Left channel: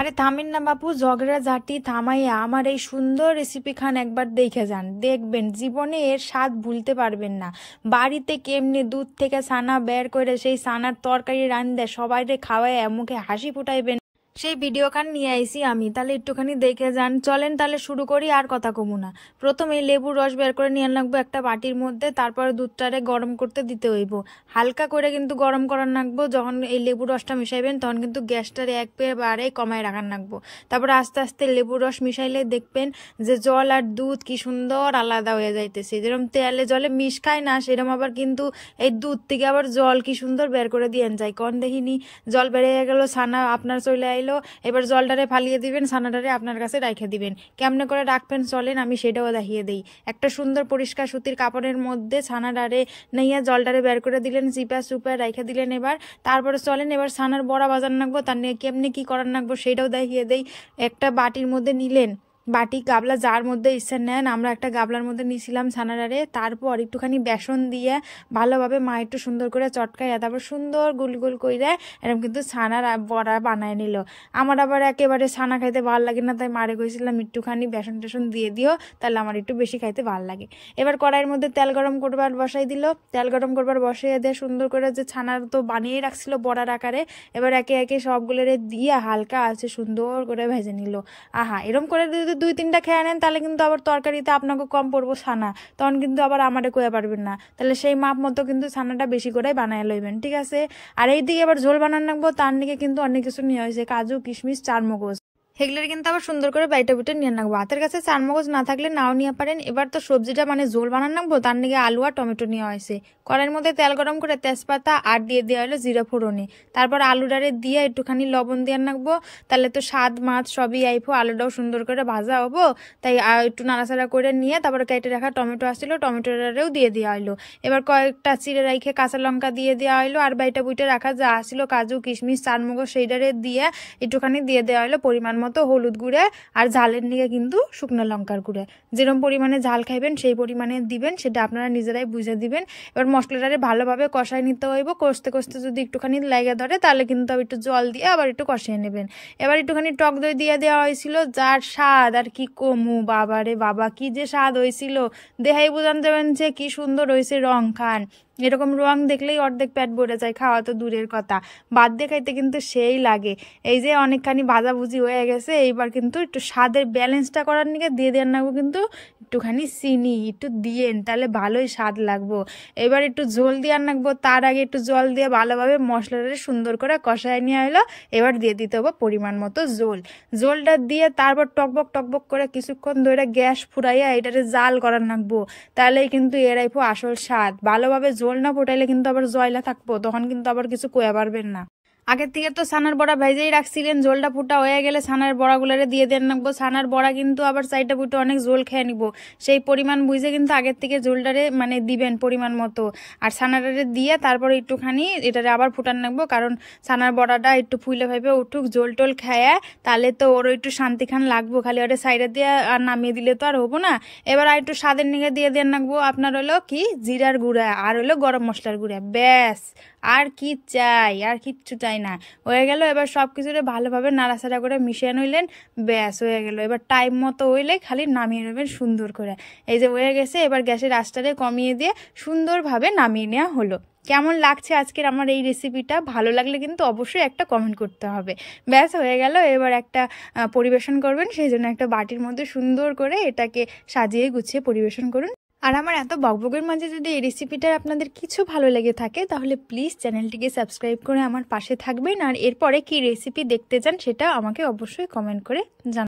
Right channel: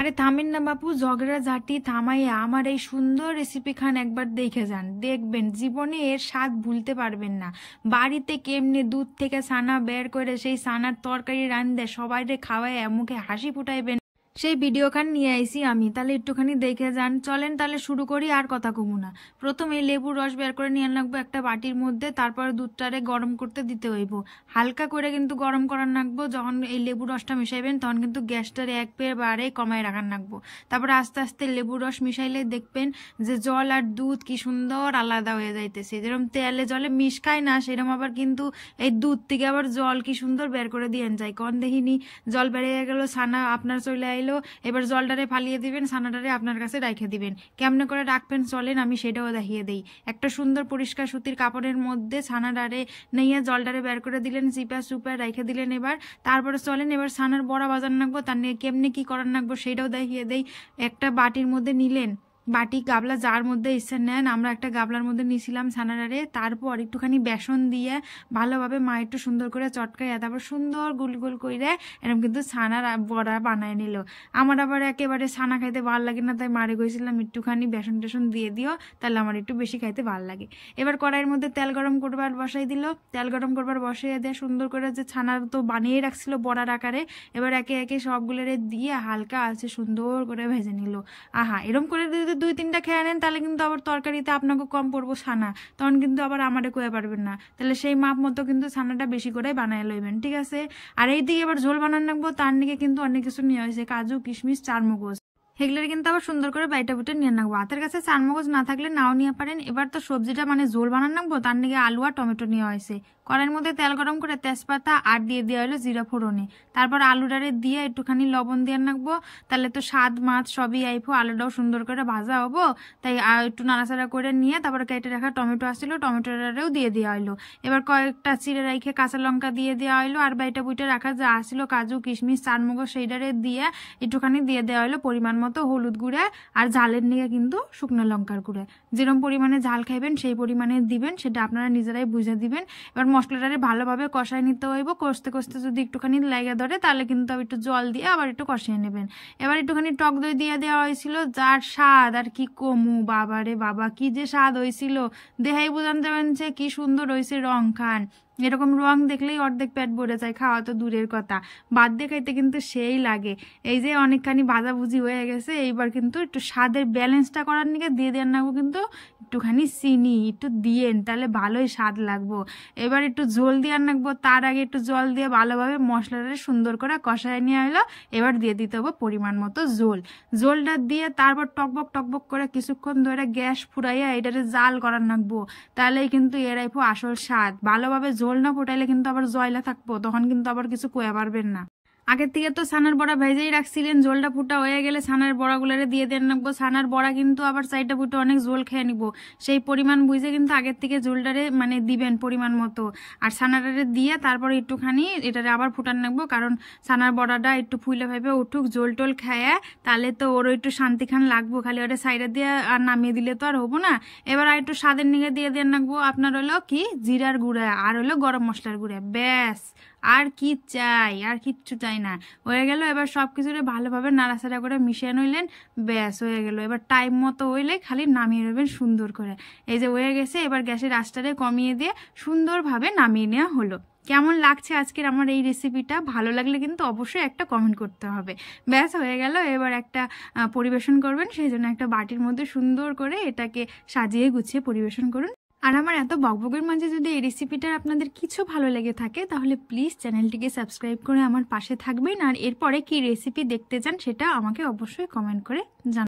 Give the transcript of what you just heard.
আরে থামেন না বাপু, ঝগড়া ঝাঁটি থামাইয়া আমার এই সুন্দর রেসিপি খান একবার দেখে যান, দেখবেন জীবনে এর স্বাদ ভুলতে পারবেন না। বাড়িতে কেমনে দুধ থেকে ছানা বের করে সেই ছানার তরকারি রান্ধে সবাইরে খাওয়ায় মুখে হাসি ফুটাইবেন, সেই ভিডিও খান নিয়ে আইছি আমি। তাহলে একটুখানি দেখে যান। চলেন তাহলে শুরু করি, আর কথা কমু না। প্রথমে লেবুর রস বের করে নিয়ে লাগবো একটা বাটির মধ্যে, তারপরে দুধটারে গরম করতে দিতে হইব। হালকা করে কিন্তু গরম করার লাগবো। যখন এই লেবুর রসটা মিশাইবেন তখন কিন্তু গ্যাসটারে একবারে কমায় রাখার লাগবো। তারপরে আস্তে আস্তে লেবুর রস মিশাইলে দেখবেন যে জল আর দুধ কি সুন্দর আলাদা হয়ে যাইতেছে। যেরকম তেলে জলে মিশখায় না, সেরকম আবার কিন্তু এই দুধ থেকে আবার জল কি সুন্দর বের করে দিয়ে যায়। কন দেখিনি জল বেড়ে গেল, ছানা আপনার চলে আইলো। এবার জলটারে ফালিয়ে দিবেন, ছানাটারে আপনার কাছে রাখে দিবেন। কেমনে করে রাখবেন চলেন আমি সেটাও দেখিয়ে দিই। একটা সুন্দর পরিষ্কার সুতির কাপড়ের মধ্যে ছানাটারে নিয়ে জলটারে বের করে দিলেন, চিপা চুপা রাখে দিলেন। এবার তারপরে চলেন এবার ছানার বড়া বাজার নাকবো, তার নিয়ে কেমনে কি করার নাকবো সেটাও দেখিয়ে দেই। একটা বাটির মধ্যে নিলেন, বাটি গাবলা যার মধ্যে ইচ্ছা নেন, আমরা একটা গাবলার মধ্যে নিয়েছিলাম ছানাটারে। তারপর একটুখানি বেসন দিয়ে ভালোভাবে মা একটু সুন্দর করে চটকাইয়া তারপর সুন্দর গুল গুল করে এরকম কিন্তু ছানার বড়া বানায় নিল। আমার আবার একেবারে ছানা খাইতে ভালো লাগে না, তাই মারে কইছিলাম একটুখানি বেসন টেসন দিয়ে দিও, তাহলে আমার একটু বেশি খাইতে ভালো লাগে। এবার কড়াইয়ের মধ্যে তেল গরম করবার বসাই দিল, তেল গরম করবার বসাইয়া দিয়ে সুন্দর করে যে ছানা তো বানিয়ে রাখছিল বড়ার আকারে, এবার একে একে সবগুলোরে দিয়ে হালকা আছে সুন্দর করে ভেজে নিল। আহা, এরকম করে দুই তিনটা খেয়ে নেন তাহলে কিন্তু আবার তরকারিতে আপনাকে কম পড়বো ছানা, তখন কিন্তু আবার আমারে কইয়া পারবেন না। তাহলে সেই মাপ মতো কিন্তু ছানাটা বেশি করে বানায় লইবেন, ঠিক আছে। আর এই দিকে আবার ঝোল বানান রাখবো, তার দিকে কিন্তু অনেক কিছু নিয়ে হয়েছে, কাজু কিশমিশ চারমগজ, সেগুলোর কিন্তু আবার সুন্দর করে বাইটা বুটে নিয়ে রাখবো। হাতের কাছে চারমগজ না থাকলে নাও নিয়ে পারেন। এবার তো সবজিটা মানে ঝোল বানান রাখবো, তার দিকে আলু আর টমেটো নেওয়া হয়েছে। কড়াইয়ের মধ্যে তেল গরম করে তেজপাতা আর দিয়ে দেওয়া হলো জিরা ফোড়নে। তারপর আলুটারে দিয়ে একটুখানি লবণ দিয়ে রাখবো, তাহলে তো স্বাদ মাছ সবই আইবো। আলুটাও সুন্দর করে ভাজা হবো, তাই একটু নাড়াচাড়া করে নিয়ে তারপরে কেটে রাখা টমেটো আসছিল, টমেটোটারেও দিয়ে দেওয়া হলো। এবার কয়েকটা চিড়ে রেখে কাঁচা লঙ্কা দিয়ে দেওয়া হলো, আর বাইটা বুটে রাখা যা আসছিল কাজু কিশমিশ চারমগজ সেইটারে দিয়ে একটুখানি দিয়ে দেওয়া হলো পরিমাণ মতো হলুদ গুঁড়ে, আর ঝালের নিয়ে কিন্তু শুকনো লঙ্কার গুঁড়ে। যেরকম পরিমাণে ঝাল খাইবেন সেই পরিমাণে দিবেন, সেটা আপনারা নিজেরাই বুঝে দিবেন। এবার মশলাটারে ভালোভাবে কষাই নিতে হইব। কষতে কষতে যদি একটুখানি লাগে ধরে তাহলে কিন্তু আবার একটু জল দিয়ে আবার একটু কষিয়ে নেবেন। এবার একটুখানি টক দই দিয়ে দেওয়া হয়েছিল, যার স্বাদ আর কি কমু, বাবা রে বাবা কি যে স্বাদ হয়েছিল, দেহাই বুঝান যাবেন যে কি সুন্দর হয়েছে। রং খান, এরকম রং দেখলেই অর্ধেক পেট ভরে যায়, খাওয়া তো দূরের কথা, বাদ দিয়ে খাইতে কিন্তু সেই লাগে। এই যে অনেকখানি ভাজাভুজি হয়ে গেছে, এইবার কিন্তু একটু স্বাদের ব্যালেন্সটা করার নিকে দিয়ে দেন নাগো কিন্তু একটুখানি চিনি একটু দিয়েন, তাহলে ভালোই স্বাদ লাগবো। এবার একটু ঝোল দিয়ে রাখবো, তার আগে একটু জল দিয়ে ভালোভাবে মশলাটা সুন্দর করে কষায় নিয়ে এলো। এবার দিয়ে দিতে হবে পরিমাণ মতো ঝোল। ঝোলটা দিয়ে তারপর টকবক টকবক করে কিছুক্ষণ ধরে গ্যাস ফুরাইয়া এটারে জাল করার রাখবো, তাহলেই কিন্তু এরাইপো আসল স্বাদ। ভালোভাবে ঝোল না ফোটাইলে কিন্তু আবার জয়লা থাকবো, তখন কিন্তু আবার কিছু কয়া পারবেন না। আগের থেকে তো ছানার বড়া ভেজেই রাখছিলেন, ঝোলটা ফুটা হয়ে গেলে ছানার বড়াগুলোরে দিয়ে দেন রাখবো। ছানার বড়া কিন্তু আবার সাইডটা ফুটে অনেক ঝোল খেয়ে নিব, সেই পরিমাণ বুঝে কিন্তু আগের থেকে ঝোলটারে মানে দিবেন পরিমাণ মতো। আর ছানাটারে দিয়ে তারপর একটুখানি এটারে আবার ফুটান রাখবো, কারণ ছানার বড়াটা একটু ফুলে ভাবে উঠুক, ঝোল টোল খায়, তাহলে তো ওরও একটু শান্তি খান লাগবো। খালি ওটা সাইডে দিয়ে আর নামিয়ে দিলে তো আর হবো না। এবার আর একটু স্বাদের নিগে দিয়ে দেন রাখবো আপনার হলো কি জিরার গুঁড়া আর হলো গরম মশলার গুঁড়া, ব্যাস আর কি চাই, আর কিচ্ছু চাই না, হয়ে গেল। এবার সবকিছুরে ভালোভাবে নাড়াচাড়া করে মিশিয়ে নইলেন, ব্যাস হয়ে গেল। এবার টাইম মতো হইলে খালি নামিয়ে নেবেন সুন্দর করে। এই যে হয়ে গেছে, এবার গ্যাসের আঁচটারে কমিয়ে দিয়ে সুন্দরভাবে নামিয়ে নেওয়া হলো। কেমন লাগছে আজকের আমার এই রেসিপিটা? ভালো লাগলে কিন্তু অবশ্যই একটা কমেন্ট করতে হবে। ব্যাস হয়ে গেল। এবার একটা পরিবেশন করবেন, সেই জন্য একটা বাটির মধ্যে সুন্দর করে এটাকে সাজিয়ে গুছিয়ে পরিবেশন করুন। আর আমার এত বকবকের মাঝে যদি এই রেসিপিটা আপনাদের কিছু ভালো লেগে থাকে তাহলে প্লিজ চ্যানেলটিকে সাবস্ক্রাইব করে আমার পাশে থাকবেন। আর এরপরে কি রেসিপি দেখতে চান সেটা আমাকে অবশ্যই কমেন্ট করে জানাবেন।